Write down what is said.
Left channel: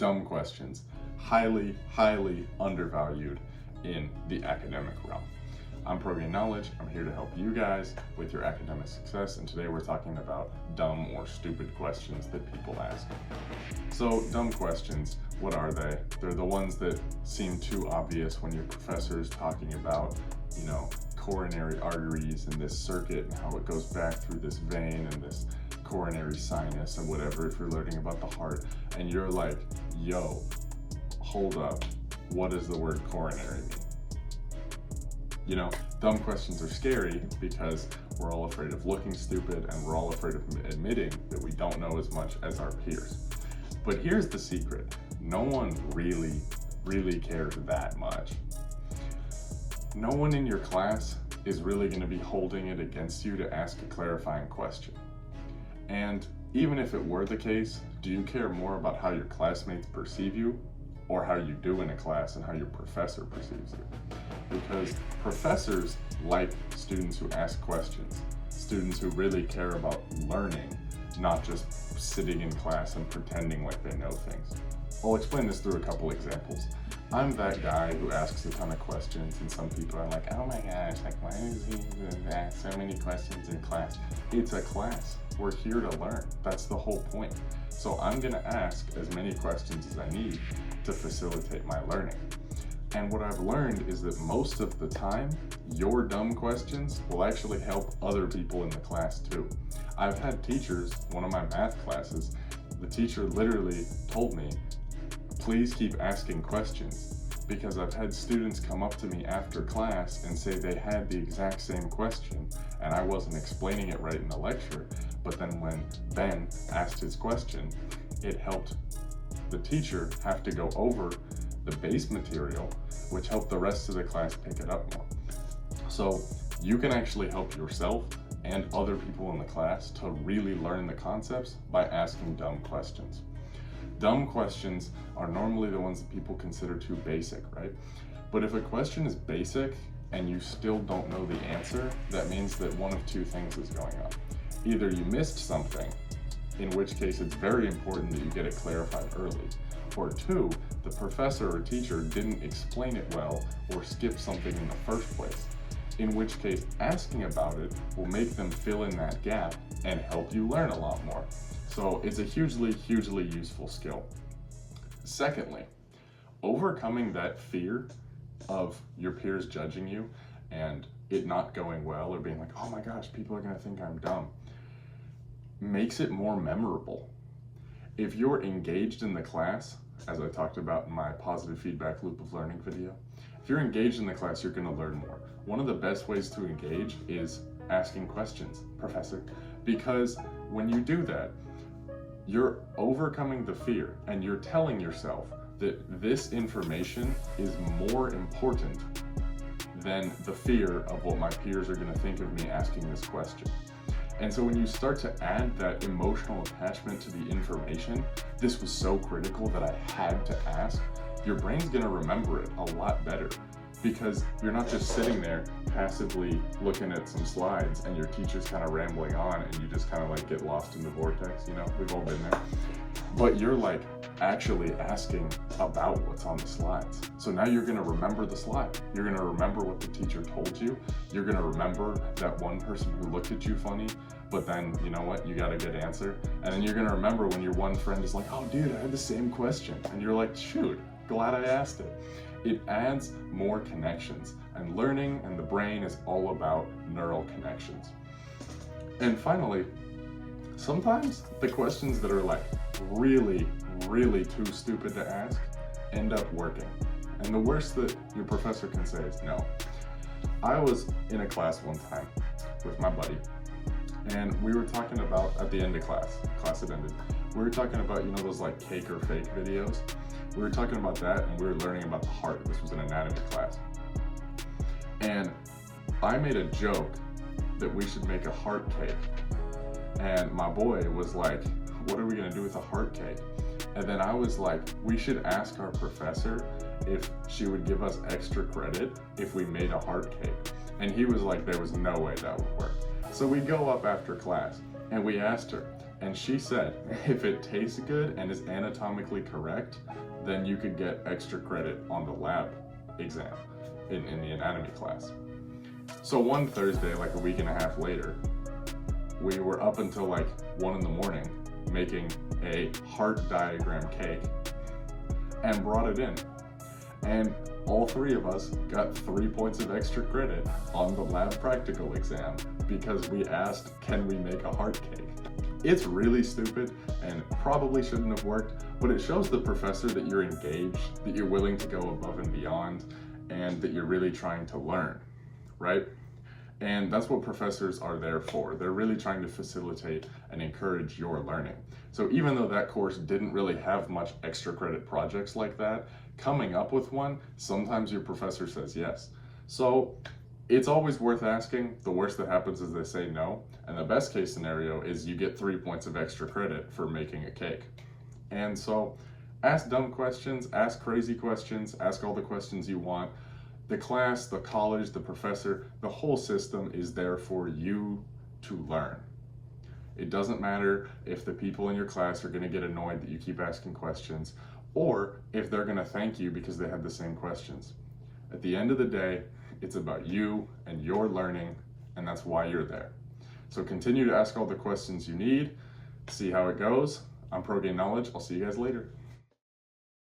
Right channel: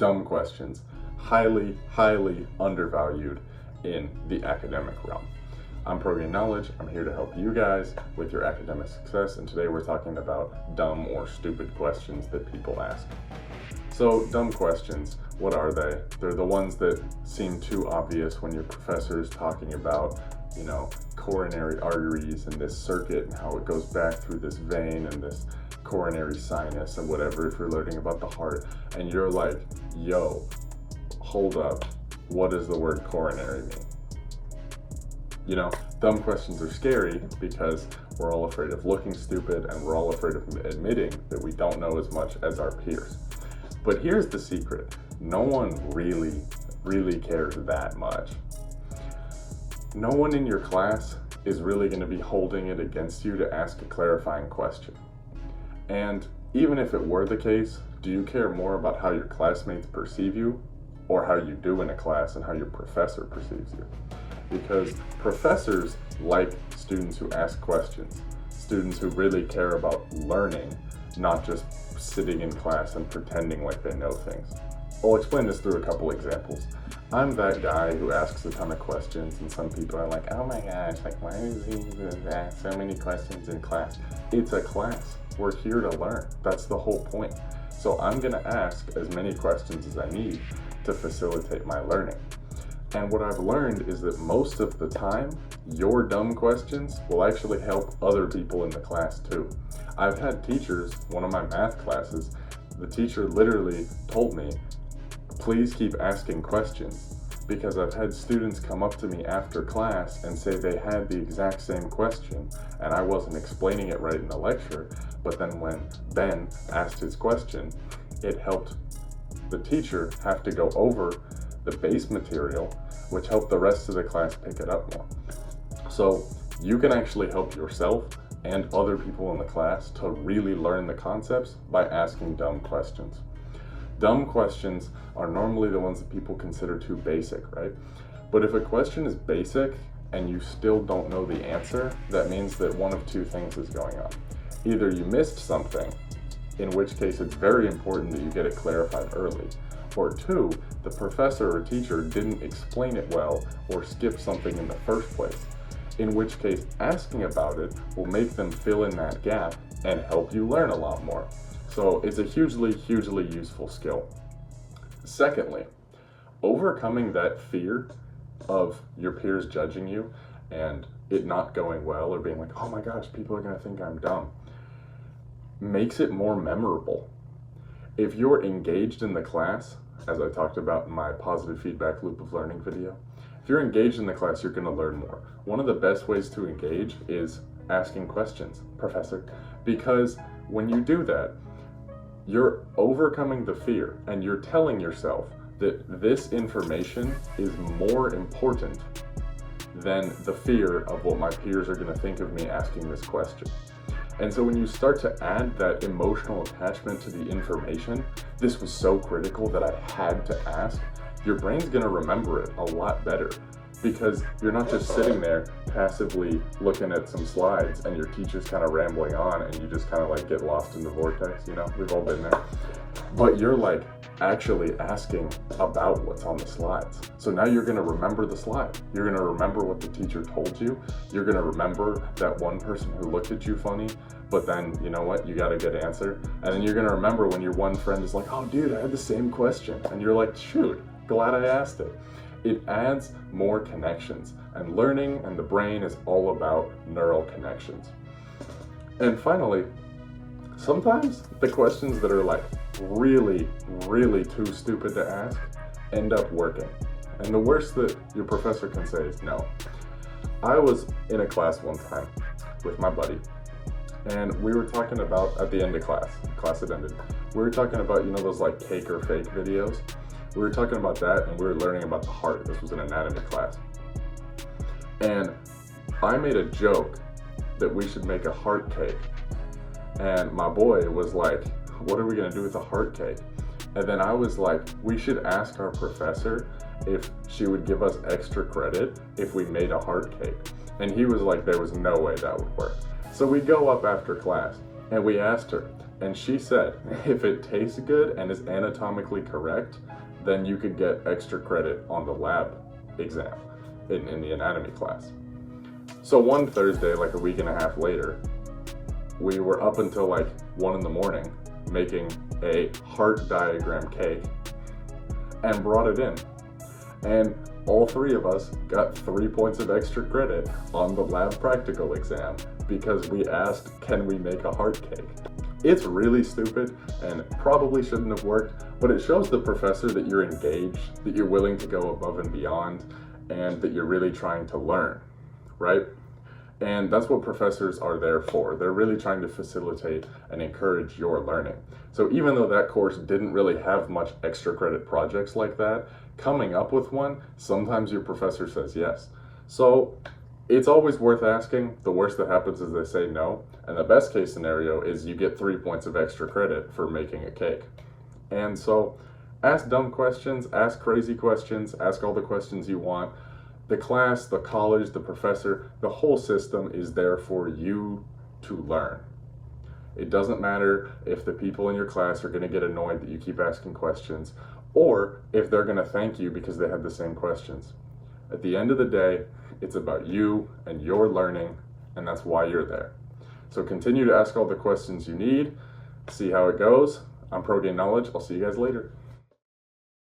dumb questions, highly, highly undervalued in the academic realm. I'm ProGain Knowledge. I'm here to help you guys with your academic success, and today we're talking about dumb or stupid questions that people ask. So, dumb questions, what are they? They're the ones that seem too obvious when your professor is talking about, coronary arteries and this circuit and how it goes back through this vein and this coronary sinus and whatever, if you're learning about the heart, and you're like, yo, hold up, what does the word coronary mean? Dumb questions are scary because we're all afraid of looking stupid and we're all afraid of admitting that we don't know as much as our peers. But here's the secret. No one really cares that much. No one in your class is really going to be holding it against you to ask a clarifying question. And even if it were the case, do you care more about how your classmates perceive you or how you do in a class and how your professor perceives you? Because professors like students who ask questions, students who really care about learning, not just sitting in class and pretending like they know things. I'll explain this through a couple examples. I'm that guy who asks a ton of questions, and some people are like, oh my gosh, why is he ask so many questions in class? It's a class. We're here to learn. That's the whole point. So I'm gonna ask as many questions as I need to facilitate my learning. And what I've learned is that most of the time, your dumb questions will actually help other people in the class too. I've had teachers, one of my math classes, the teacher literally told me, please keep asking questions, because I've had students come up to me after class and say they had the exact same question and I wasn't explaining it right in the lecture, but then when Ben asked his question, it helped the teacher have to go over the base material, which helped the rest of the class pick it up more. So you can actually help yourself and other people in the class to really learn the concepts by asking dumb questions. Dumb questions are normally the ones that people consider too basic, right? But if a question is basic and you still don't know the answer, that means that one of two things is going on. Either you missed something, in which case it's very important that you get it clarified early, or two, the professor or teacher didn't explain it well or skipped something in the first place, in which case asking about it will make them fill in that gap and help you learn a lot more. So it's a hugely useful skill. Secondly, overcoming that fear of your peers judging you and it not going well or being like, oh my gosh, people are gonna think I'm dumb, makes it more memorable. If you're engaged in the class, as I talked about in my positive feedback loop of learning video, if you're engaged in the class, you're gonna learn more. One of the best ways to engage is asking questions, Professor, because when you do that, you're overcoming the fear and you're telling yourself that this information is more important than the fear of what my peers are going to think of me asking this question. And so when you start to add that emotional attachment to the information, this was so critical that I had to ask, your brain's going to remember it a lot better. Because you're not just sitting there passively looking at some slides and your teacher's kind of rambling on and you just kind of like get lost in the vortex, we've all been there. But you're like actually asking about what's on the slides. So now you're gonna remember the slide. You're gonna remember what the teacher told you. You're gonna remember that one person who looked at you funny, but then you know what, you got a good answer. And then you're gonna remember when your one friend is like, oh dude, I had the same question. And you're like, shoot, glad I asked it. It adds more connections, and learning and the brain is all about neural connections. And finally, sometimes the questions that are like really too stupid to ask end up working. And the worst that your professor can say is no. I was in a class one time with my buddy, and we were talking about, at the end of class had ended, we were talking about, those like cake or fake videos. We were talking about that and we were learning about the heart. This was an anatomy class. And I made a joke that we should make a heart cake. And my boy was like, what are we gonna do with a heart cake? And then I was like, we should ask our professor if she would give us extra credit if we made a heart cake. And he was like, there was no way that would work. So we go up after class and we asked her, And she said, if it tastes good and is anatomically correct, then you could get extra credit on the lab exam in the anatomy class. So one Thursday, like a week and a half later, we were up until like 1 in the morning making a heart diagram cake and brought it in. And all 3 of us got 3 points of extra credit on the lab practical exam because we asked, can we make a heart cake? It's really stupid and probably shouldn't have worked, but it shows the professor that you're engaged, that you're willing to go above and beyond, and that you're really trying to learn, right? And that's what professors are there for. They're really trying to facilitate and encourage your learning. So even though that course didn't really have much extra credit projects like that, coming up with one, sometimes your professor says yes. So it's always worth asking. The worst that happens is they say no. And the best case scenario is you get 3 points of extra credit for making a cake. And so ask dumb questions, ask crazy questions, ask all the questions you want. The class, the college, the professor, the whole system is there for you to learn. It doesn't matter if the people in your class are going to get annoyed that you keep asking questions, or if they're going to thank you because they had the same questions. At the end of the day, it's about you and your learning, and that's why you're there. So continue to ask all the questions you need, see how it goes. I'm ProGain Knowledge. I'll see you guys later.